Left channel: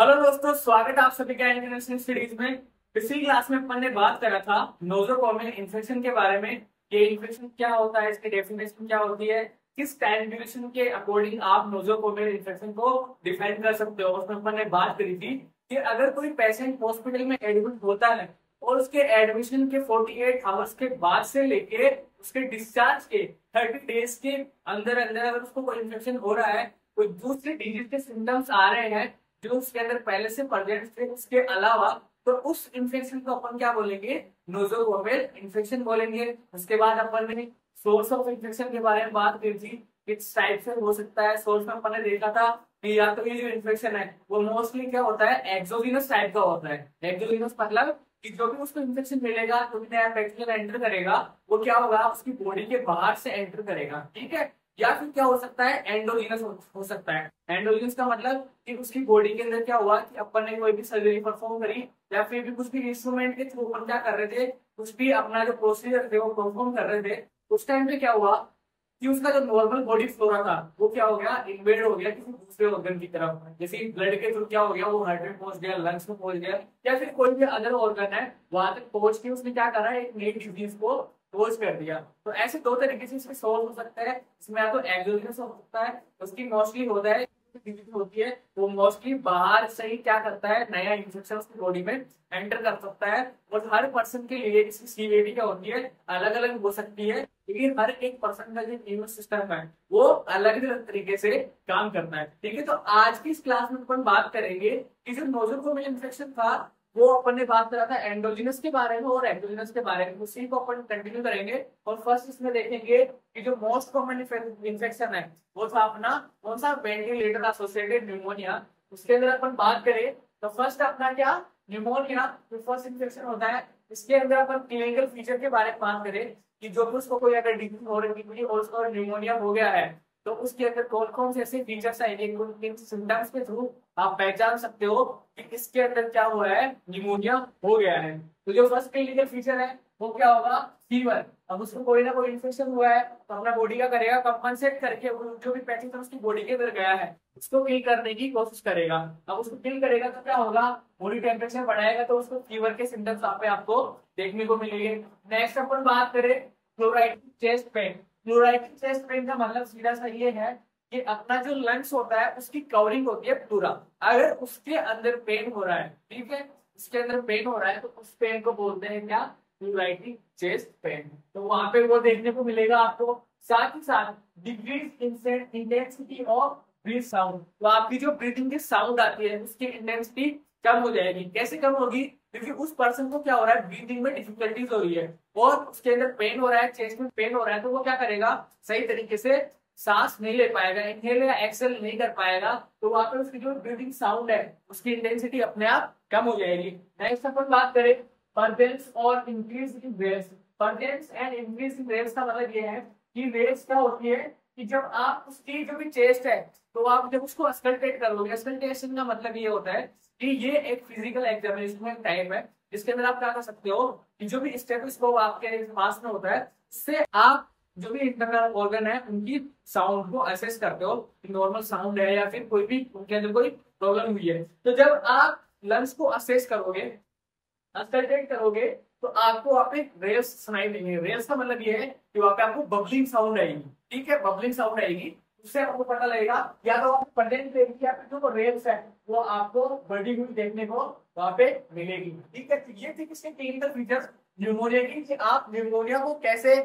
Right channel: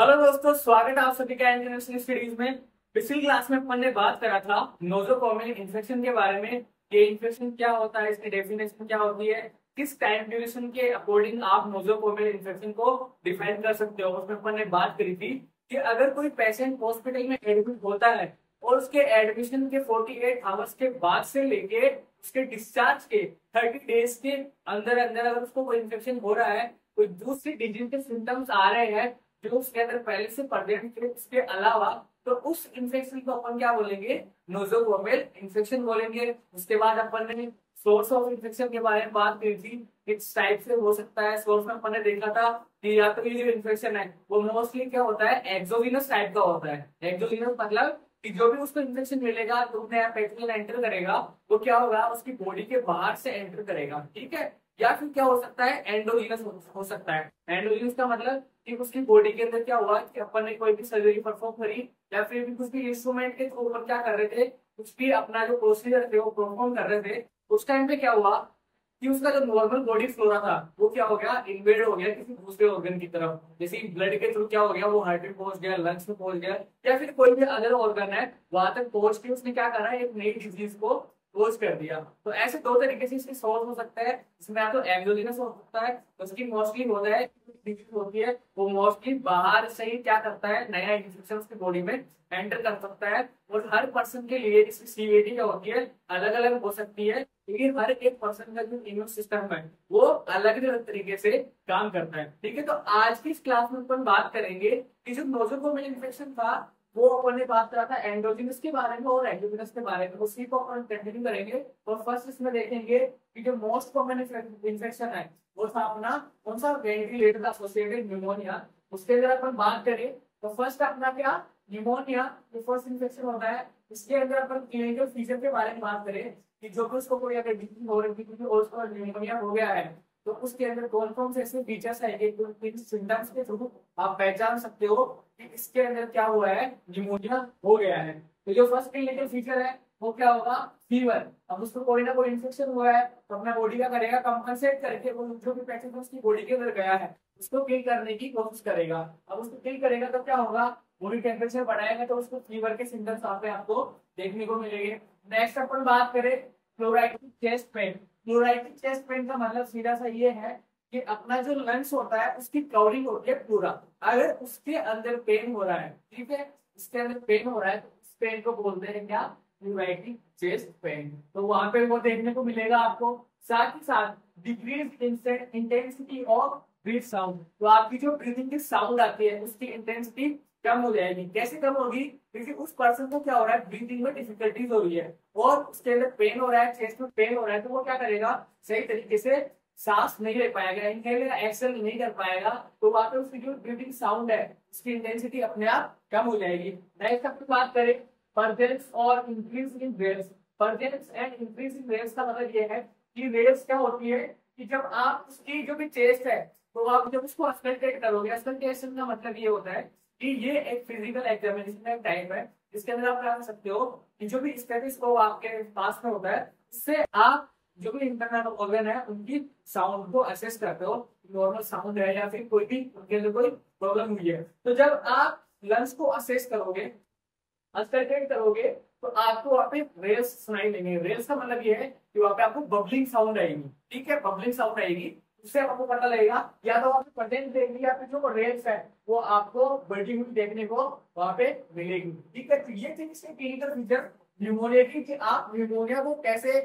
Hello दोस्तों, स्वागत है आप सभी का इंटरनेशनल स्टडीज में। पिछली क्लास में अपन ने बात करा था नोजोकोमियल इन्फेक्शन के बारे में। ये इन्फेक्शन क्या होता है, इसकी डेफिनेशन क्या होती है, किस टाइम ड्यूरेशन के अकॉर्डिंग आप नोजोकोमियल इन्फेक्शन को डिफाइन कर सकते हो। उसमें अपन ने बात करी थी कि अगर कोई पेशेंट हॉस्पिटल में एडमिट होता है और उसके एडमिशन के 48 आवर्स के बाद से लेके उसके डिस्चार्ज के 30 डेज के अंदर अंदर अगर उसको कोई इन्फेक्शन हो रहा है, कोई दूसरी डिजीज के सिम्टम्स आ रहे हैं जो उसके अंदर पहले से प्रेजेंट थे, उसके अलावा तो उस इन्फेक्शन को अपन क्या बोलेंगे, नोजोकोमियल इन्फेक्शन बोलेंगे। उसके बाद अपन ने सोर्स ऑफ इन्फेक्शन के बारे में बात की थी, किस टाइप से हो सकता है। सोर्स में अपन ने देखा था कि या तो ये जो इन्फेक्शन है वो मोस्टली क्या होता है, एक्सोजिनस टाइप का होता है। एक्सोजिनस मतलब कि जो भी उसको इन्फेक्शन मिलेगा, जो भी नया बैक्टीरिया एंटर करेगा वो क्या होगा, उसकी बॉडी के बाहर से एंटर करेगा, ठीक है। या फिर क्या हो सकता है, एंडोजिनस हो सकता है। एंडोजिनस का मतलब कि उसकी बॉडी के अंदर क्या हुआ कि अपन ने कोई भी सर्जरी परफॉर्म करी या फिर भी कुछ भी इंस्ट्रूमेंट के थ्रू अपन क्या कर रहे थे, कुछ भी अपना जो प्रोसीजर थे वो परफॉर्म कर रहे थे। उस टाइम पे क्या हुआ कि उसका जो नॉर्मल बॉडी फ्लोरा था वो क्या हो गया, इन्वेड हो गया किसी दूसरे ऑर्गन की तरफ। जैसे ब्लड के थ्रू क्या हो गया, वो हार्ट में पहुंच गया, लंग्स में पहुंच गया, या फिर कोई भी अदर ऑर्गन है वहां तक पहुंच के उसने क्या करा, एक नई डिजीज को कोज कर दिया। तो ऐसे दो तरीके से इसके सॉल्व हो सकता है। इसमें या तो एक्सोजिनस हो सकता है, उसकी मोस्टली होता है डिजीज होती है वो मोस्टली बाहर से ही क्या करता है, नया इन्फेक्शन उसकी बॉडी में एंटर कर सकता है। और हर पर्सन के लिए इसकी सीवियरिटी क्या होती है, अलग अलग हो सकती है, क्योंकि हर एक पर्सन का जो इम्यून सिस्टम है वो अलग अलग तरीके से काम करता है, ठीक है। तो आज की इस क्लास में अपन बात करेंगे कि जो नोजोकोमियल इन्फेक्शन था वो अपन ने बात करा था एंडोजिनस के बारे में और एक्सोजिनस के बारे में, उसी को अपन कंटिन्यू करेंगे। और फर्स्ट इसमें देखेंगे कि जो मोस्ट कॉमन इन्फेक्शन है वो था अपना कौन सा, वेंटिलेटर एसोसिएटेड न्यूमोनिया। उसके अंदर अपन बात करें तो फर्स्ट अपना क्या, न्यूमोनिया जो फर्स्ट इन्फेक्शन होता है। इसके अंदर अपन क्लिनिकल फीचर के बारे में बात करें कि जो भी उसको कोई अगर डिजीज हो रही थी और उसको न्यूमोनिया हो गया है तो उसके अंदर कौन कौन से ऐसे फीचर्स आएंगे, किन सिम्टम्स के थ्रू आप पहचान सकते हो कि इसके अंदर क्या हुआ है, निमोनिया हो गया है। तो जो फर्स्ट क्लिनिकल फीचर है वो क्या होगा, फीवर। अब उसको कोई ना कोई इन्फेक्शन हुआ है तो अपना बॉडी क्या करेगा, कंपनसेट करके वो जो भी पैथोजन उसकी बॉडी के अंदर गया है उसको किल करने की कोशिश करेगा। अब उसको किल करेगा तो क्या होगा, बॉडी टेम्परेचर बढ़ाएगा तो उसको फीवर के सिम्टम्स वहां पे आपको देखने को मिलेंगे। नेक्स्ट अपन बात करें फ्लोराइटिक चेस्ट पेन। फ्लोराइटिक चेस्ट पेन का मतलब सीधा सा ये है कि अपना जो लंग्स होता है उसकी कवरिंग होती है पूरा, अगर उसके अंदर पेन हो रहा है, ठीक है, उसके अंदर पेन हो रहा है तो उस पेन को बोलते हैं क्या, फ्लोराइटिक चेस्ट पेन। तो वहां पे वो देखने को मिलेगा आपको। साथ ही साथ decrease intensity of breath sound, तो आपकी जो ब्रीथिंग की साउंड आती है उसकी इंटेंसिटी कम हो जाएगी। कैसे कम होगी, क्योंकि उस पर्सन को क्या हो रहा है, ब्रीथिंग में डिफिकल्टीज हो रही है और उसके अंदर पेन हो रहा है, चेस्ट में पेन हो रहा है, तो वो क्या करेगा, सही तरीके से सांस नहीं ले पाएगा, इनहेल या एक्सेल नहीं कर पाएगा। तो वहां पे उसकी जो ब्रीथिंग साउंड है उसकी इंटेंसिटी अपने आप कम हो जाएगी। नेक्स्ट अपन बात करें परजेंस और increase in rails. परजेंस and increase in rails का मतलब ये है कि रेल्स क्या होती है कि जब आप उसकी जो भी चेस्ट है तो आप जब उसको अस्कल्टेट करोगे, अस्कल्टेशन का मतलब ये होता है कि ये एक फिजिकल एग्जामिनेशन का टाइप है जिसके अंदर आप क्या कर सकते हो कि जो भी स्टेथोस्कोप आपके पास में होता है उससे आप जो भी इंटरनल ऑर्गन है उनकी साउंड को असेस करते हो, नॉर्मल साउंड है या फिर कोई भी उनके अंदर कोई प्रॉब्लम हुई है। तो जब आप लंग्स को असेस करोगे, अस्कल्टेट करोगे, तो आपको वहाँ पे रेल्स सुनाई देंगे। रेल्स का मतलब ये है कि वहाँ पे आपको बबलिंग साउंड आएगी, ठीक है, बबलिंग साउंड आएगी। उससे आपको पता लगेगा या तो आप प्रेजेंट देंगे या फिर जो रेल्स है वो आपको बढ़ी हुई देखने को वहाँ पे मिलेगी, ठीक है। तो ये थी इसके क्लिनिकल फीचर्स न्यूमोनिया की, कि आप न्यूमोनिया को कैसे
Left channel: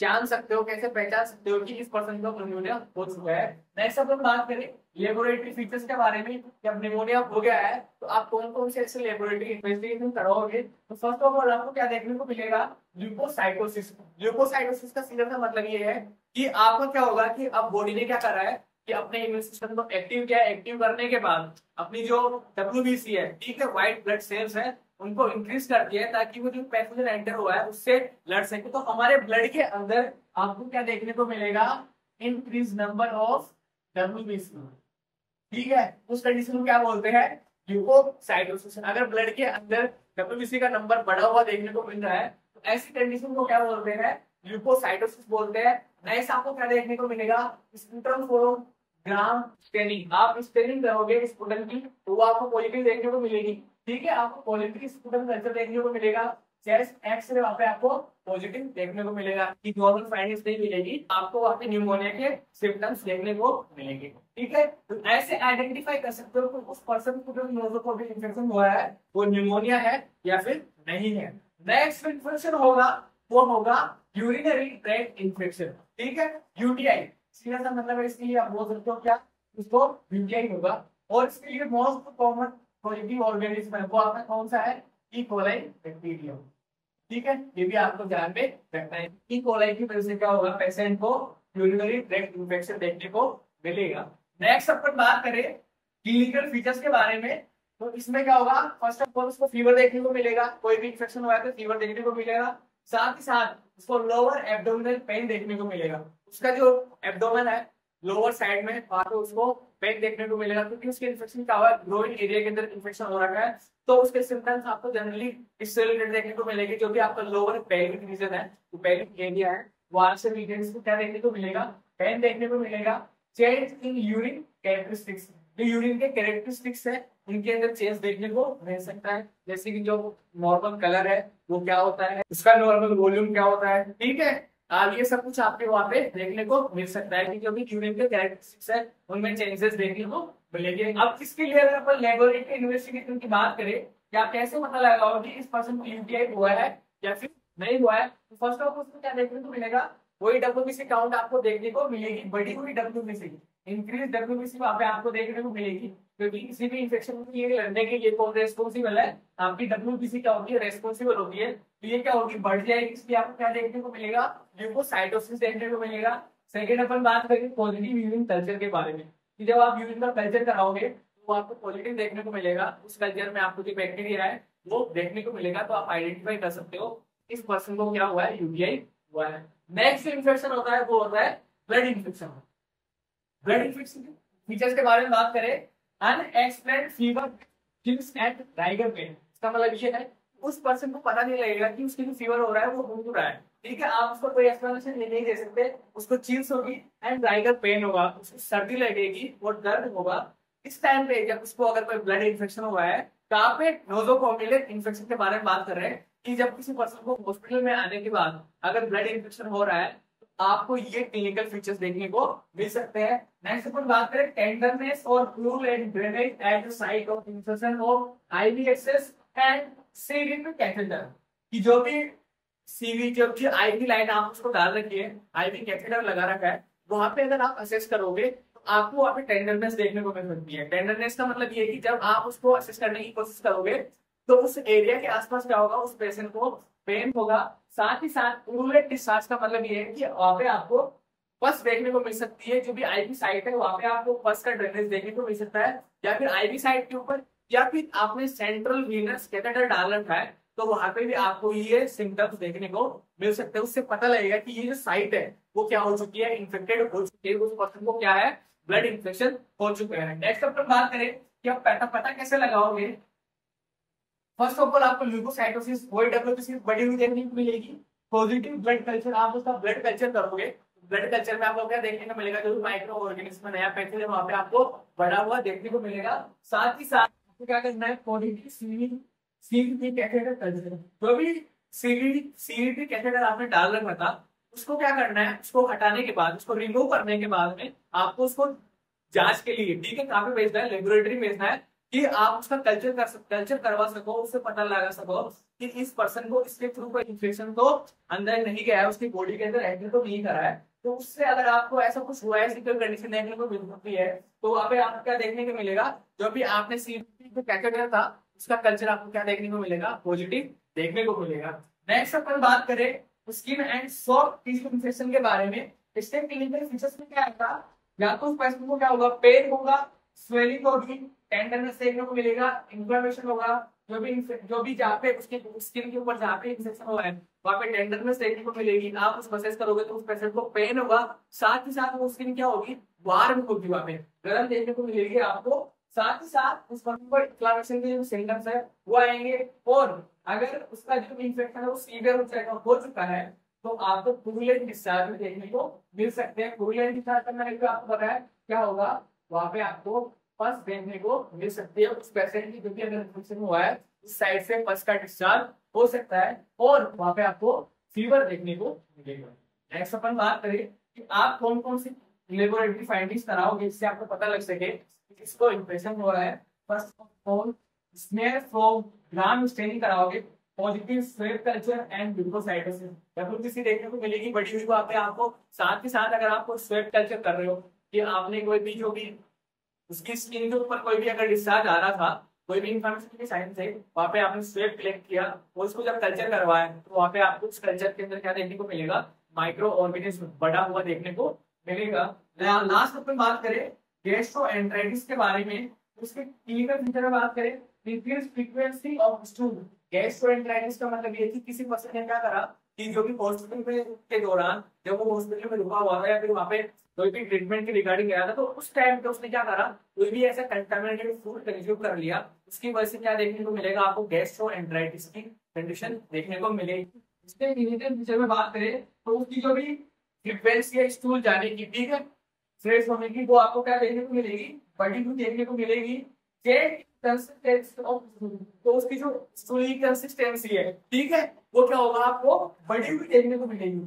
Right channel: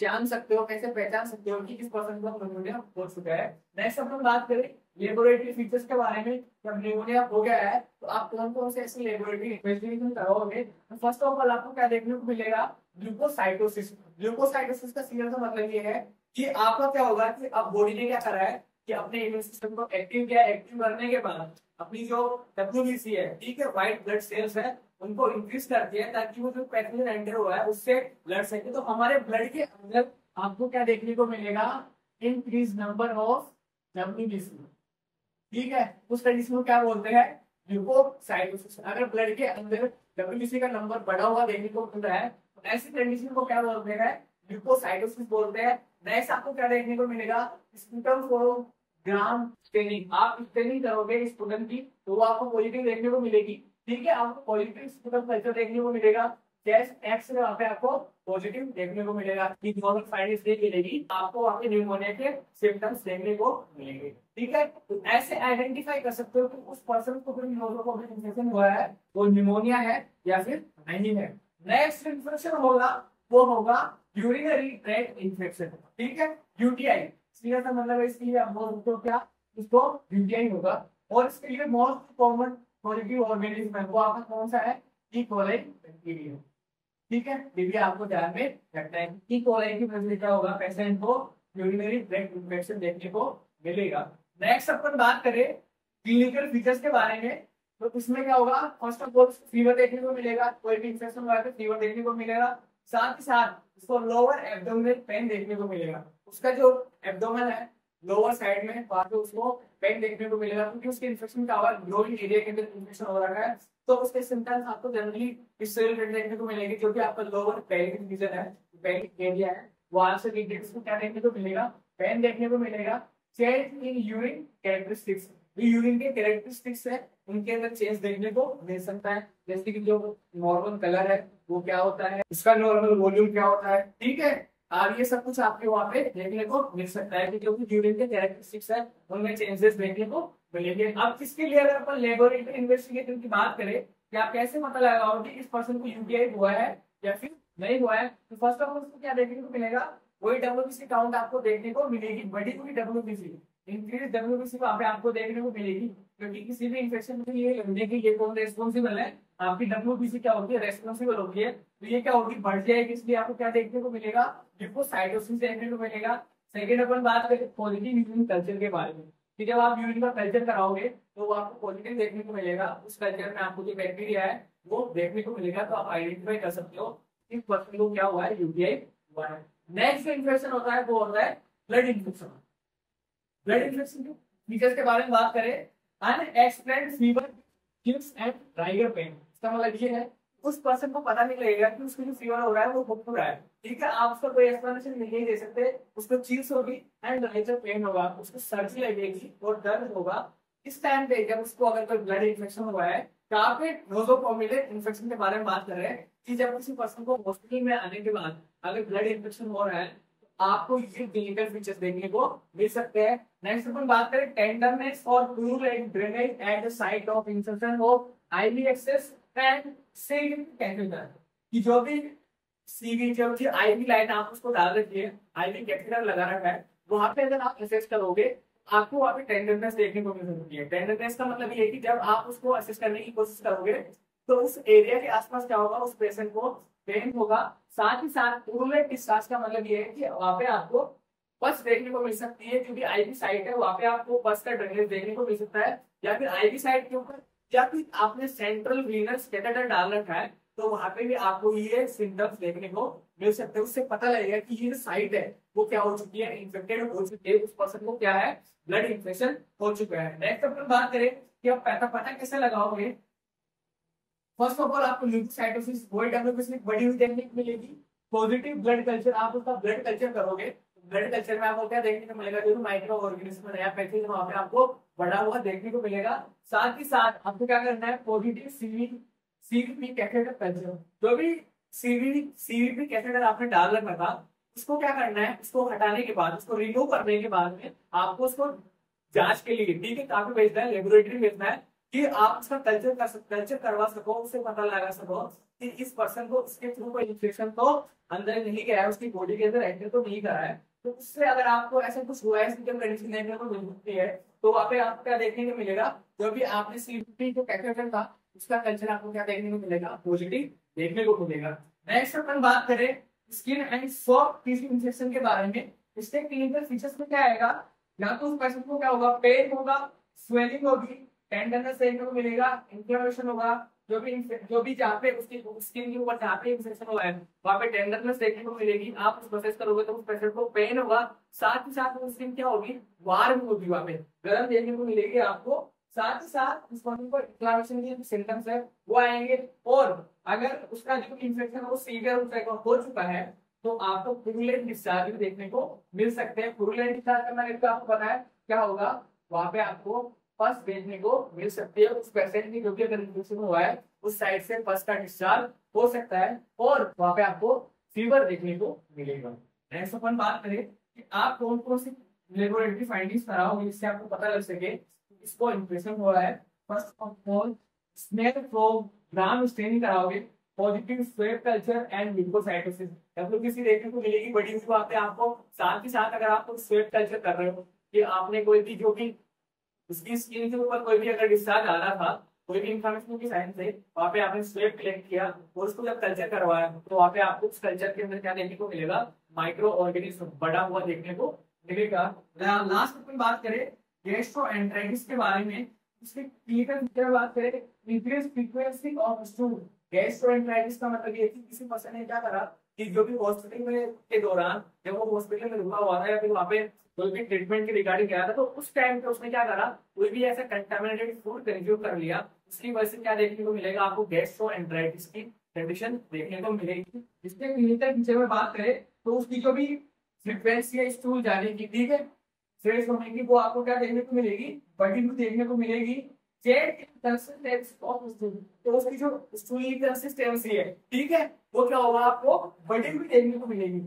जान सकते हो, कैसे पहचान सकते हो कि इस पर्सन को निमोनिया हो चुका है। नेक्स्ट अपन बात करें लेबोरेटरी फीचर्स के बारे में, जब निमोनिया हो गया है तो आप कौन कौन से ऐसे लेबोरेटरी इन्वेस्टिगेशन कराओगे। तो फर्स्ट ऑफ ऑल आपको क्या देखने को मिलेगा, ल्यूकोसाइटोसिस। ल्यूकोसाइटोसिस का सीधा सा मतलब ये है कि आपको क्या होगा कि अब बॉडी ने क्या करा है कि अपने इम्यून सिस्टम को एक्टिव किया, एक्टिव करने के बाद अपनी जो WBC है, ठीक है, व्हाइट ब्लड सेल्स है, उनको इंक्रीज कर दिया है ताकि वो जो पैथोजन एंटर हुआ है उससे लड़ सके। तो हमारे ब्लड के अंदर आपको क्या देखने को मिलेगा, इंक्रीज नंबर ऑफ WBC, ठीक है। उस कंडीशन को क्या बोलते हैं, ल्यूकोसाइटोसिस। अगर ब्लड के अंदर WBC का नंबर बढ़ा हुआ देखने को मिल रहा है तो ऐसी कंडीशन को क्या बोलते हैं, ल्यूकोसाइटोसिस बोलते हैं। नेक्स्ट आपको क्या देखने को मिलेगा, स्पूटम फ्रॉम ग्राम स्टेनिंग, आप स्टेनिंग करोगे स्पुटन की तो वो आपको पॉजिटिव देखने को मिलेगी। ठीक है, आपको पॉजिटिव स्पुटन कल्चर देखने को मिलेगा। चेस्ट एक्स रे वहां पे आपको पॉजिटिव देखने को मिलेगा कि नॉर्मल फाइंडिंग्स नहीं मिलेगी, आपको वहां पे न्यूमोनिया के सिम्टम्स देखने को मिलेंगे। ठीक है, तो ऐसे आइडेंटिफाई कर सकते हो कि उस पर्सन को जो नोजोकोविड इन्फेक्शन हुआ है वो न्यूमोनिया है या फिर नहीं है। नेक्स्ट इन्फेक्शन होगा वो होगा यूरिनरी ट्रैक्ट इन्फेक्शन। ठीक है, यूटीआई सीधा सा मतलब है इसके लिए आप बोल सकते हो क्या, उसको यूटीआई होगा। और इसके लिए मोस्ट कॉमन पॉजिटिव ऑर्गेनिज्म है वो आपका कौन सा है, ई कोलाई बैक्टीरिया। ठीक है, ये भी आपको ध्यान में रखना है। ई कोलाई की वजह से क्या होगा, पेशेंट को यूरिनरी ट्रैक्ट इन्फेक्शन देखने को मिलेगा। नेक्स्ट अपन बात करें क्लिनिकल फीचर्स के बारे में, तो इसमें क्या होगा, फर्स्ट ऑफ ऑल उसको फीवर देखने को मिलेगा, कोई भी इन्फेक्शन हुआ है तो फीवर देखने को मिलेगा। साथ ही साथ उसको लोअर एब्डोमिनल पेन देखने को मिलेगा, उसका जो एब्डोमेन है लोअर साइड में वहां पे उसको पेन देखने को मिलेगा, क्योंकि उसके इन्फेक्शन का हुआ ग्रोइंग एरिया के अंदर इन्फेक्शन हो रखा है। तो उसके सिम्टम्स आपको जनरली इससे रिलेटेड देखने को मिलेगी, जो भी आपका लोअर पेल्विक रीजन है, जो पेल्विक एरिया है वहां से रीजन को क्या देखने को मिलेगा, पेन देखने को मिलेगा। चेंज इन यूरिन कैरेक्टरिस्टिक्स, जो यूरिन के कैरेक्टरिस्टिक्स है उनके अंदर चेंज देखने को मिल सकता है, जैसे कि जो नॉर्मल कलर है वो क्या होता है, उसका नॉर्मल वॉल्यूम क्या होता है। ठीक है, ये सब कुछ आपके वहां पे देखने को मिल सकता है कि जो भी यूरिन के कैरेक्टरिस्टिक्स है उनमें चेंजेस देखने को मिलेंगे। अब इसके लिए अगर अपन लेबोरेटरी इन्वेस्टिगेशन की बात करें कि आप कैसे पता लगाओगे कि इस पर्सन को यूटीआई हुआ है या फिर नहीं हुआ है, तो फर्स्ट ऑफ ऑल उसको क्या देखने को मिलेगा, वही डब्ल्यूबीसी काउंट आपको देखने को मिलेगी, बढ़ी हुई डब्ल्यूबीसी, इंक्रीज डब्ल्यूबीसी वहां पे आपको देखने को मिलेगी, क्योंकि किसी भी इन्फेक्शन से ये लड़ने के लिए कौन रेस्पॉन्सिबल है, आपकी डब्ल्यूबीसी क्या होगी, रेस्पॉन्सिबल होगी है। तो ये क्या होगी, बढ़ जाएगी, इसलिए आपको क्या देखने को मिलेगा, ल्यूकोसाइटोसिस देखने को मिलेगा। सेकेंड अपन बात करें पॉजिटिव यूरिन कल्चर के बारे में, कि जब आप यूरिन का कल्चर कराओगे तो वो आपको पॉजिटिव देखने को मिलेगा, उस कल्चर में आपको जो बैक्टीरिया है वो देखने को मिलेगा, तो आप आइडेंटिफाई कर सकते हो इस पर्सन को क्या हुआ है, यूटीआई हुआ है। नेक्स्ट इन्फेक्शन होता है वो होता है ब्लड इन्फेक्शन। ब्लड इन्फेक्शन के फीचर्स के बारे में बात करें, unexplained fever, chills and rigor pain, इसका मतलब ये है उस पर्सन को पता नहीं लगेगा कि उसके जो फीवर हो रहा है वो हो क्यों रहा है। ठीक है, आप उसको कोई एक्सप्लेनेशन नहीं दे सकते, उसको चिल्स होगी एंड राइगर पेन होगा, उसको सर्दी लगेगी और दर्द होगा। इस टाइम पे जब उसको अगर कोई ब्लड इन्फेक्शन हुआ है, कहाँ पे, नोजोकोमियल इन्फेक्शन के बारे में बात कर रहे हैं कि जब किसी पर्सन को हॉस्पिटल में आने के बाद अगर ब्लड इन्फेक्शन हो रहा है आपको ये क्लिनिकल फीचर्स देखने को मिल सकते हैं। नेक्स्ट अपन बात करें टेंडरनेस और fluid and drainage at the site of insertion of IV access and CV catheter, कि जो भी सीवी जो भी आईवी लाइन आप उसको डाल रखी है, आईवी कैथेटर लगा रखा है, वहां पे अगर आप असेस करोगे तो आपको वहां पे टेंडरनेस देखने को मिल सकती है। टेंडरनेस का मतलब ये है कि जब आप उसको असेस करने की कोशिश करोगे तो उस एरिया के आसपास क्या होगा, उस पेशेंट को पेन होगा। साथ ही साथ पुरुलेट डिस्चार्ज का मतलब ये है कि वहां पे आपको पस देखने को मिल सकती है, जो भी आईवी साइट है वहां पे आपको पस का ड्रेनेज देखने को मिल सकता है, या फिर आईवी साइट के ऊपर या फिर आपने सेंट्रल वीनस कैथेटर डाल रखा है तो वहां पे भी आपको ये सिम्टम्स देखने को मिल सकते हैं। उससे पता लगेगा कि ये जो साइट है वो क्या हो चुकी है, इन्फेक्टेड हो चुकी है, उस पर्सन को क्या है, ब्लड इन्फेक्शन हो चुका है। नेक्स्ट अपन बात करें कि आप पता कैसे लगाओगे। फर्स्ट ऑफ ऑल आपको ल्यूकोसाइटोसिस वही डब्ल्यूबीसी बढ़ी हुई देखने को मिलेगी। पॉजिटिव ब्लड कल्चर, आप उसका ब्लड कल्चर करोगे, ब्लड कल्चर में आपको क्या देखने को मिलेगा, जो माइक्रो ऑर्गेनिज्म नया पैथोजन वहां पे आपको बढ़ा हुआ देखने को मिलेगा। साथ ही साथ आपको क्या करना है, पॉजिटिव सीवीपी कैथेटर कल्चर, जो भी सीवीपी कैथेटर आपने डाल रखा था उसको क्या करना है, उसको हटाने के बाद, उसको रिमूव करने के बाद में आपको उसको जांच के लिए, ठीक है, कहाँ पे भेजना है, लेबोरेटरी भेजना है, कि आप उसका कल्चर करवा सको, उससे पता लगा सको कि इस पर्सन को इसके थ्रू कोई इन्फेक्शन तो अंदर नहीं गया है, उसकी बॉडी के अंदर एंटर तो नहीं करा है। तो उससे अगर आपको ऐसा कुछ हुआ है, सिम्पटम कंडीशन देखने को मिल सकती है, तो वहाँ पे आपको क्या देखने को मिलेगा, जो भी आपने सीपी जो कैथेटर था उसका कल्चर आपको क्या देखने को मिलेगा, पॉजिटिव देखने को मिलेगा। नेक्स्ट अपन बात करें skin and soft tissue infection के बारे में, इसके क्लिनिकल फीचर्स में क्या आएगा, या तो उस पर्सन को क्या होगा, पेन होगा, स्वेलिंग होगी, टेंडरनेस देखने को मिलेगा, इन्फ्लेमेशन होगा, जो भी जहाँ पे उसके स्किन के ऊपर जहाँ पे इन्फेक्शन हुआ है वहाँ पे टेंडरनेस देखने को मिलेगी। आप उसको असेस करोगे तो उस पेशेंट को पेन होगा, साथ ही साथ वो स्किन क्या होगी, वार्म होगी, वहाँ पे गर्म देखने को मिलेगी आपको। साथ ही साथ उस पर्सन को इन्फ्लेमेशन के जो सिम्टम्स है वो आएंगे, और अगर उसका जो इन्फेक्शन है वो सीवियर हो चुका है तो आपको पुरुलेंट डिस्चार्ज भी देखने को मिल सकते हैं। पुरुलेंट डिस्चार्ज का मैंने आपको पता है क्या होगा, वहां पे आपको पस देखने को मिल सकती है उस पेशेंट की, क्योंकि अगर इन्फेक्शन हुआ है उस साइड से पस का डिस्चार्ज हो सकता है और वहां पे आपको फीवर देखने को मिलेगा। नेक्स्ट अपन बात करें कि आप कौन कौन सी लेबोरेटरी फाइंडिंग्स कराओगे जिससे आपको पता लग सके कि किसको इन्फेक्शन हो रहा है। First of all smear from gram staining कराओगे, positive swab culture and leucocytosis WBC देखने को मिलेगी बड़ी हुई वहां पे आपको। साथ ही साथ अगर आपको स्वेब कल्चर कर रहे हो कि आपने कोई भी जो भी उसकी स्किन के ऊपर कोई भी अगर डिस्चार्ज आ रहा था, कोई भी इंफॉर्मेशन की साइन से, वहां पे आपने स्वेब कलेक्ट किया और उसको जब कल्चर करवाया तो वहां पे आपको उस कल्चर के अंदर क्या देखने को मिलेगा, माइक्रो ऑर्गेनिज्म बड़ा हुआ देखने को मिलेगा। लास्ट अपन बात करें गैस्ट्रोएंटेराइटिस के बारे में, उसके क्लिनिकल फीचर में बात करें, increase frequency of stool. Gastroenteritis का मतलब ये है कि किसी पर्सन ने क्या करा कि जो भी हॉस्पिटल में के दौरान जब वो हॉस्पिटल में रुका हुआ था या फिर वहां पे कोई भी ट्रीटमेंट के रिगार्डिंग गया था, तो उस टाइम पे उसने क्या करा, कोई भी ऐसा कंटामिनेटेड फूड कंज्यूम कर लिया, उसकी वजह से क्या देखने को मिलेगा, आपको गैस्ट्रोएंटेराइटिस की कंडीशन देखने को मिलेगी। इसके क्लिनिकल फीचर में बात करें तो उसकी जो भी फ्रीक्वेंसी है स्टूल जाने की, ठीक है, फ्रेश होने की, वो आपको क्या देखने को मिलेगी, बढ़ी हुई देखने को मिलेगी। चेंज कंसिस्टेंसी ऑफ स्टूल, तो उसकी जो स्टूल की कंसिस्टेंसी है, ठीक है, वो क्या होगा, आपको बढ़ी हुई देखने को मिलेगी,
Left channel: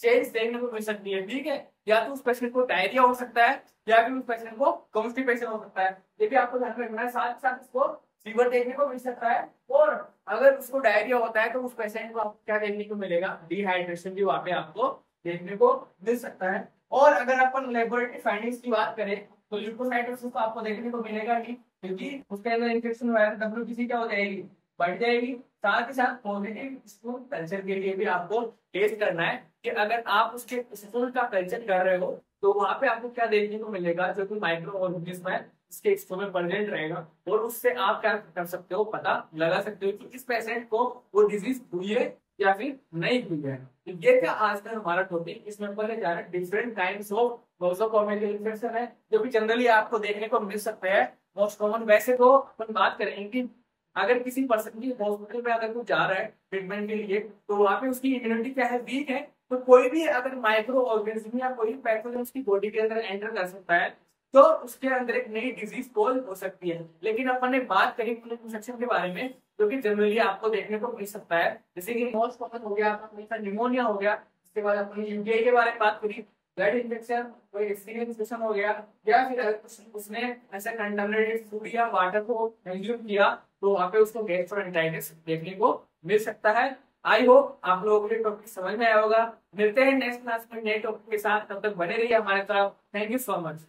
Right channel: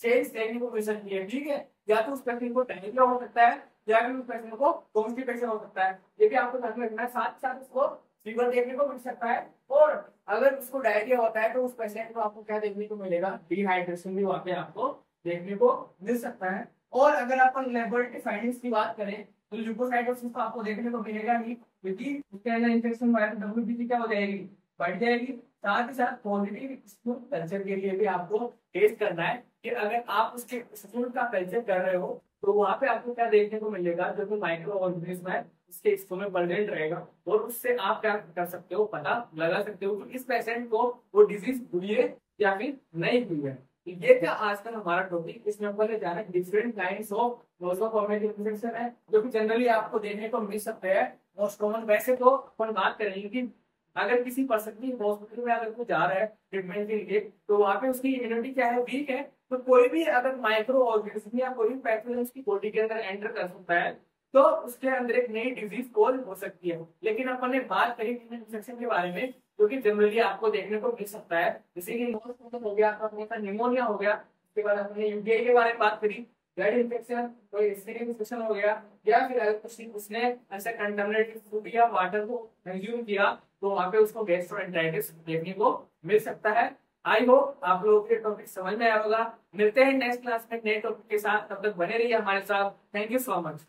चेंज देखने को मिल सकती है, ठीक है। या तो उस पेशेंट को डायरिया हो सकता है या फिर उस पेशेंट को कॉन्स्टिपेशन हो सकता है, ये भी आपको ध्यान में रखना है। साथ ही साथ उसको फीवर देखने को मिल सकता है और अगर उसको डायरिया होता है तो उस पेशेंट को आपको क्या देखने को मिलेगा, डिहाइड्रेशन भी वहां पे आपको देखने को मिल सकता है। और अगर अपन लेबोरेटरी फाइंडिंग्स की बात करें तो ल्यूकोसाइटोसिस तो आपको देखने को मिलेगा नहीं, क्योंकि उसके अंदर इन्फेक्शन हुआ है तो WBC क्या हो जाएगी, बढ़ जाएगी। साथ ही साथ पॉजिटिव स्टूल कल्चर के लिए भी आपको टेस्ट करना है कि अगर आप उसके स्टूल का कल्चर कर रहे हो तो वहां पे आपको क्या देखने को मिलेगा, जो कि माइक्रो ऑर्गेनिज्म है उसके स्टूल में प्रेजेंट रहेगा और उससे आप क्या कर सकते हो, पता लगा सकते हो कि इस पेशेंट को वो डिजीज हुई है या फिर नहीं हुई है। तो ये था आज का हमारा टॉपिक। इसमें अपन जाना different kinds of nosocomial infection है जो कि जनरली आपको देखने को मिल सकते हैं मोस्ट कॉमन। वैसे तो अपन बात करेंगे कि अगर किसी पर्सन की हॉस्पिटल में अगर वो जा रहा है ट्रीटमेंट के लिए तो वहां पे उसकी इम्यूनिटी क्या है, वीक है, तो कोई भी अगर माइक्रो ऑर्गेनिज्म या कोई भी पैथोजन उसकी बॉडी के अंदर एंटर कर सकता है तो उसके अंदर एक नई डिजीज कॉल हो सकती है। लेकिन अपन ने बात करी इन्फेक्शन के बारे में जो कि जनरली आपको देखने को मिल सकता है, जैसे कि मोस्ट कॉमन हो गया आपका निमोनिया हो गया, इसके बाद अपने यूटीआई के बारे में बात करी, ब्लड इन्फेक्शन, कोई स्किन इन्फेक्शन हो गया, या फिर अगर उसने ऐसा कंटामिनेटेड फूड या वाटर को कंज्यूम किया तो वहां पे उसको गैस्ट्रोएंटेराइटिस देखने को मिल सकता है। आई होप आप लोगों को ये टॉपिक समझ में आया होगा। मिलते हैं नेक्स्ट क्लास में नए टॉपिक के साथ, तब तक बने रहिए हमारे साथ। Thank you so much.